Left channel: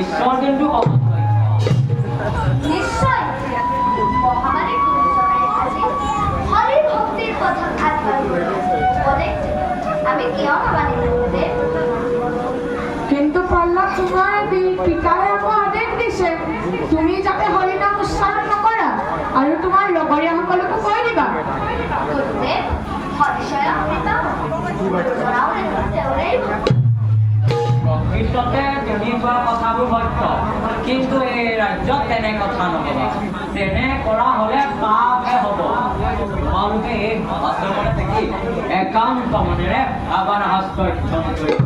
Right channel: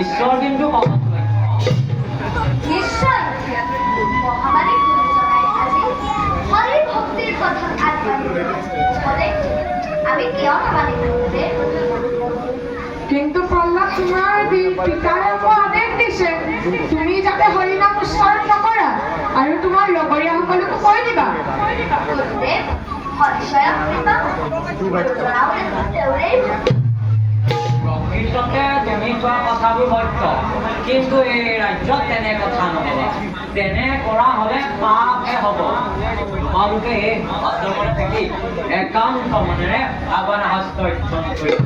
ঈশ্বৰ কিন্তু নিশ্চয় মহামাৰী আজি হৰি ভক্তিৰ পথত আমি কিয় নামানিব? কিন্তু প্ৰহ্লাদ তোমাৰ পিতাই আমাক আদেশ দিছে তুমি যাতে হৰিনাম উচ্চাৰণ নকৰা আৰু তোমাৰ লগৰীয়াসকলকো কৈ দিবা। প্ৰকৃততে তুমি কোৱা কথাবোৰ সত্য, কিন্তু এই ৰাজ্যত তেনে কথা নকবা। তেনে কৰা হলে পাপহে হ'ব। তোমালোকে এই আশ্ৰমত থাকি একান্ত মনেৰে আবান হস্ত অধ্যয়ন কৰিব।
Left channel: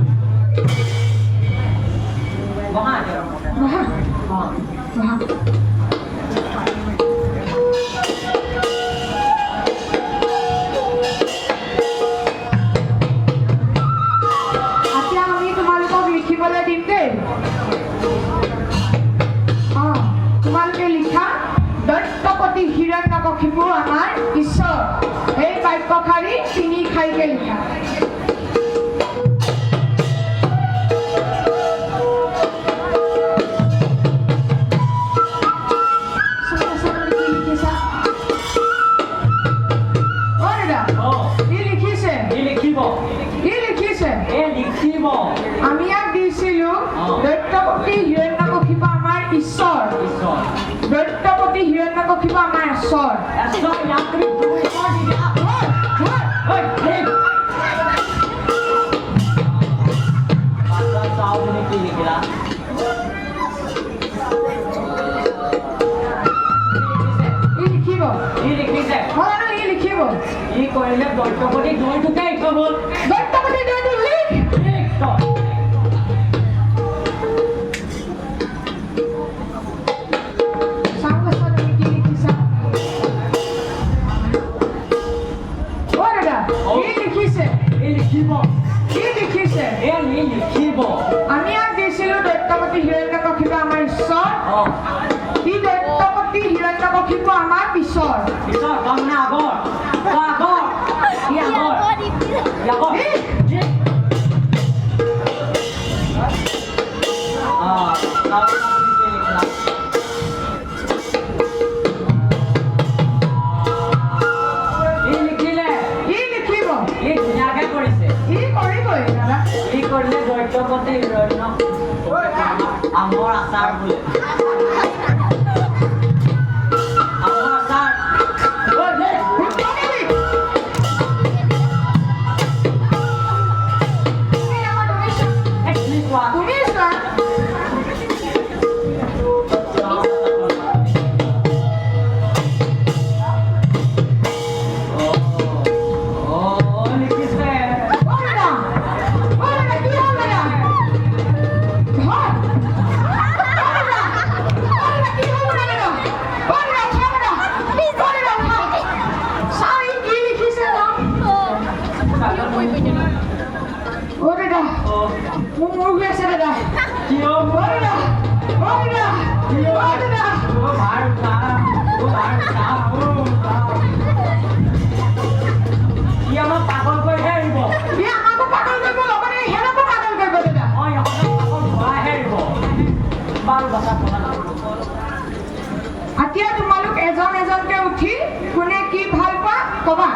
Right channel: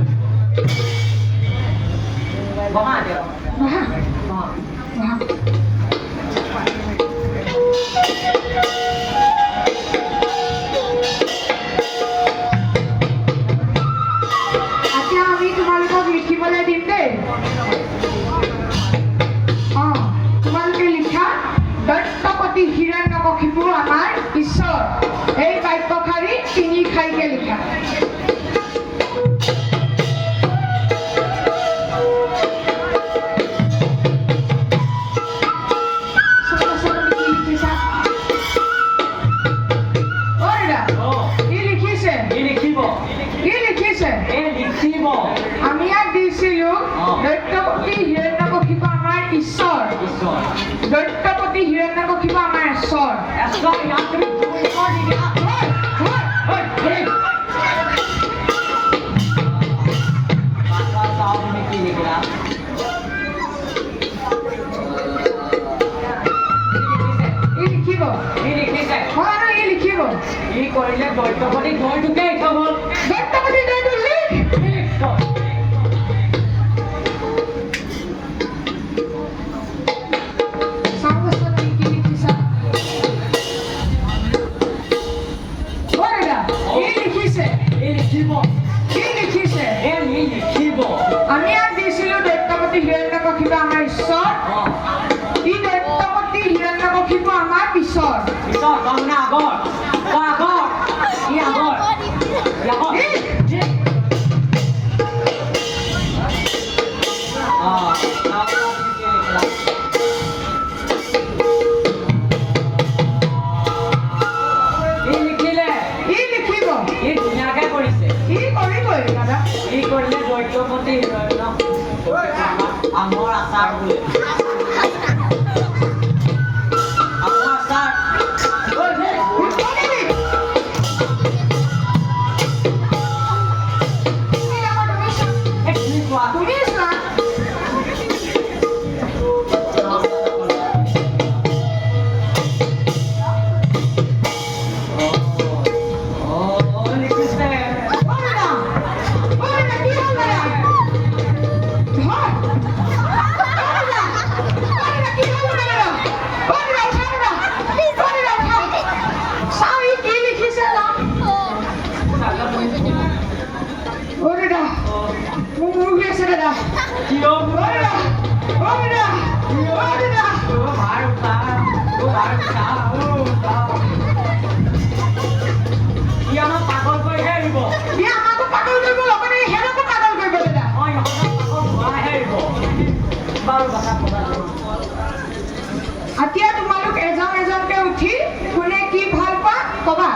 এতিয়া তোমালোক এজন এজনকে উঠি কোনে কি ভাল পোৱা কবা।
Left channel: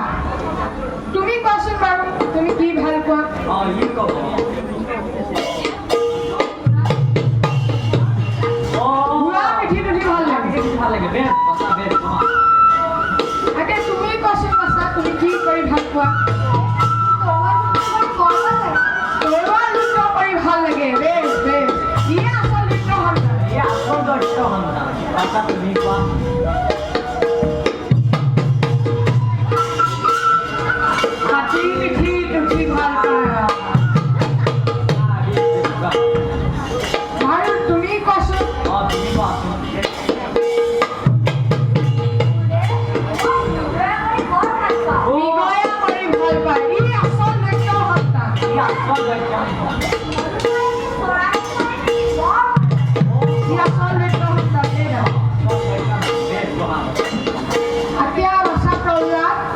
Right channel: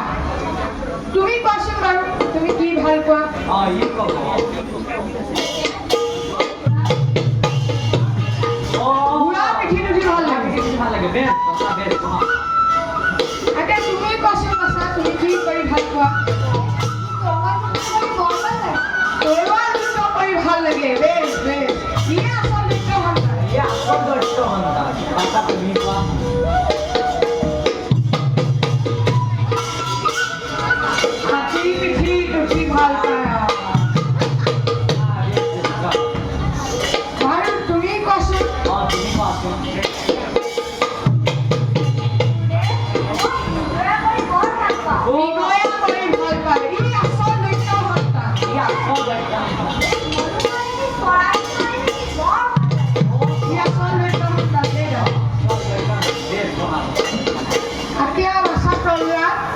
তুমি কোৱাচোন বাৰু তুমি কি ভাল পোৱা? তুমি কোৱাচোন বাছা তুমি কি কৰি ভাল পোৱা? ভাল লাগে। বেশ বেশ ইয়ে আসল নৃত্য হাতী পিঠি উঠি ভাল পায়। আৰু তুমি কোৱাচোন?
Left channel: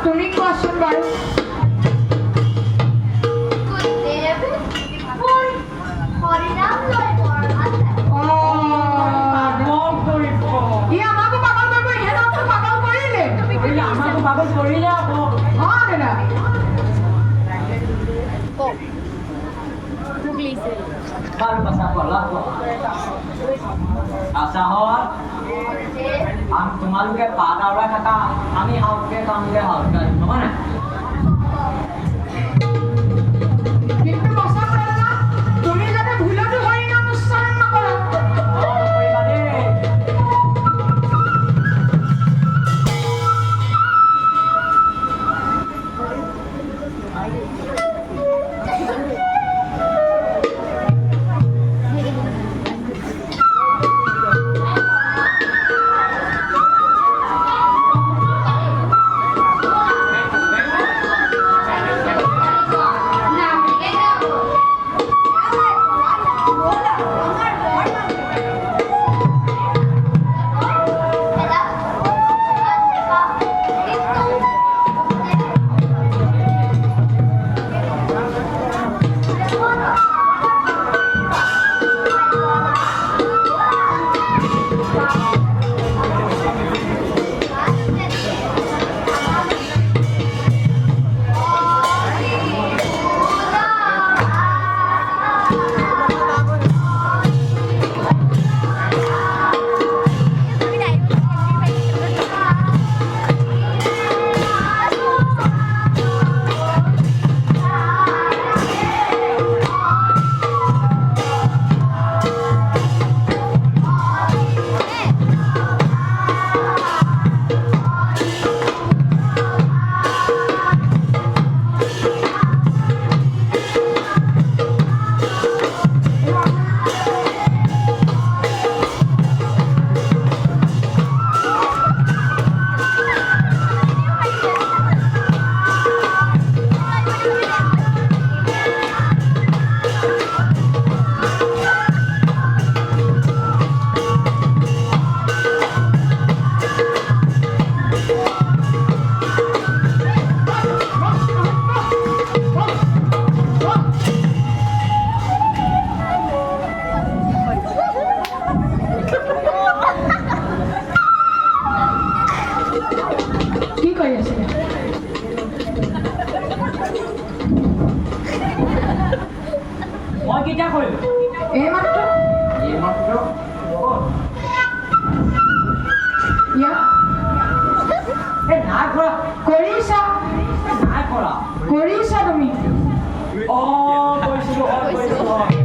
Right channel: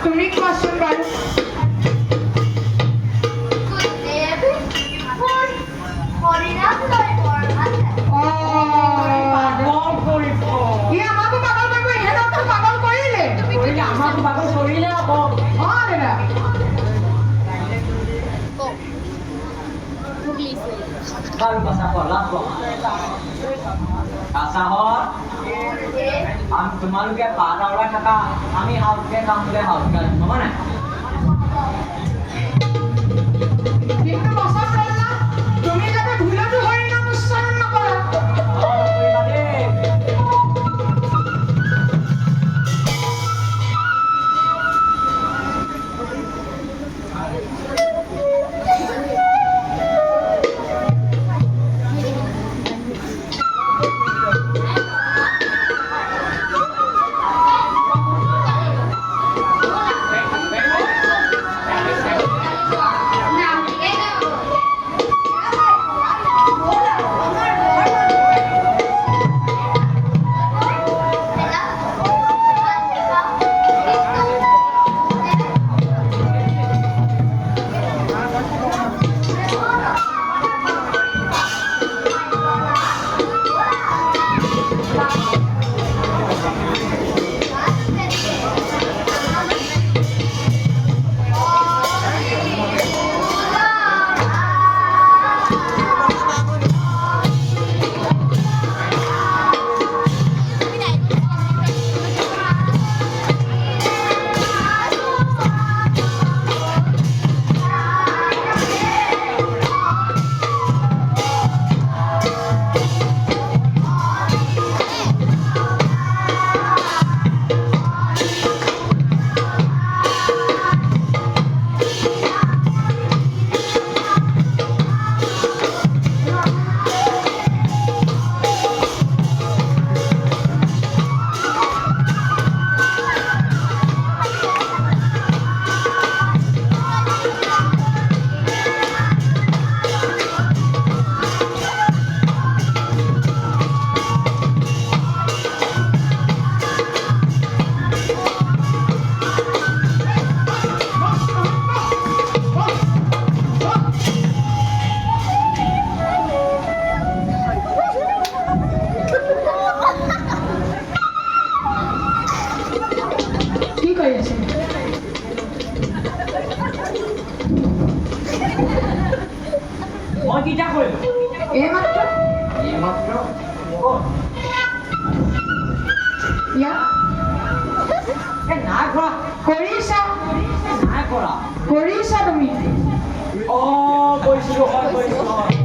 তুমি কোৱাচোন বাৰু? দাদা Baru pasal sekolah kok. Asahor, তোমালোকে পাতা ওলাই থাকা আমি হাউকে কামকে হাউকে মানে কিন্তু বসন্ত দাদা তুমি যাতে ভুলতো হরিনাম উচ্চারণ নকৰা কি কৰি আছে মই কিটা কৰিলো এইমাত্ৰ এইমাত্ৰ ইয়াত এই নাই কৰা কৰিছা নাই কৰা কৰিছা তুমি কৰিছিলো হয়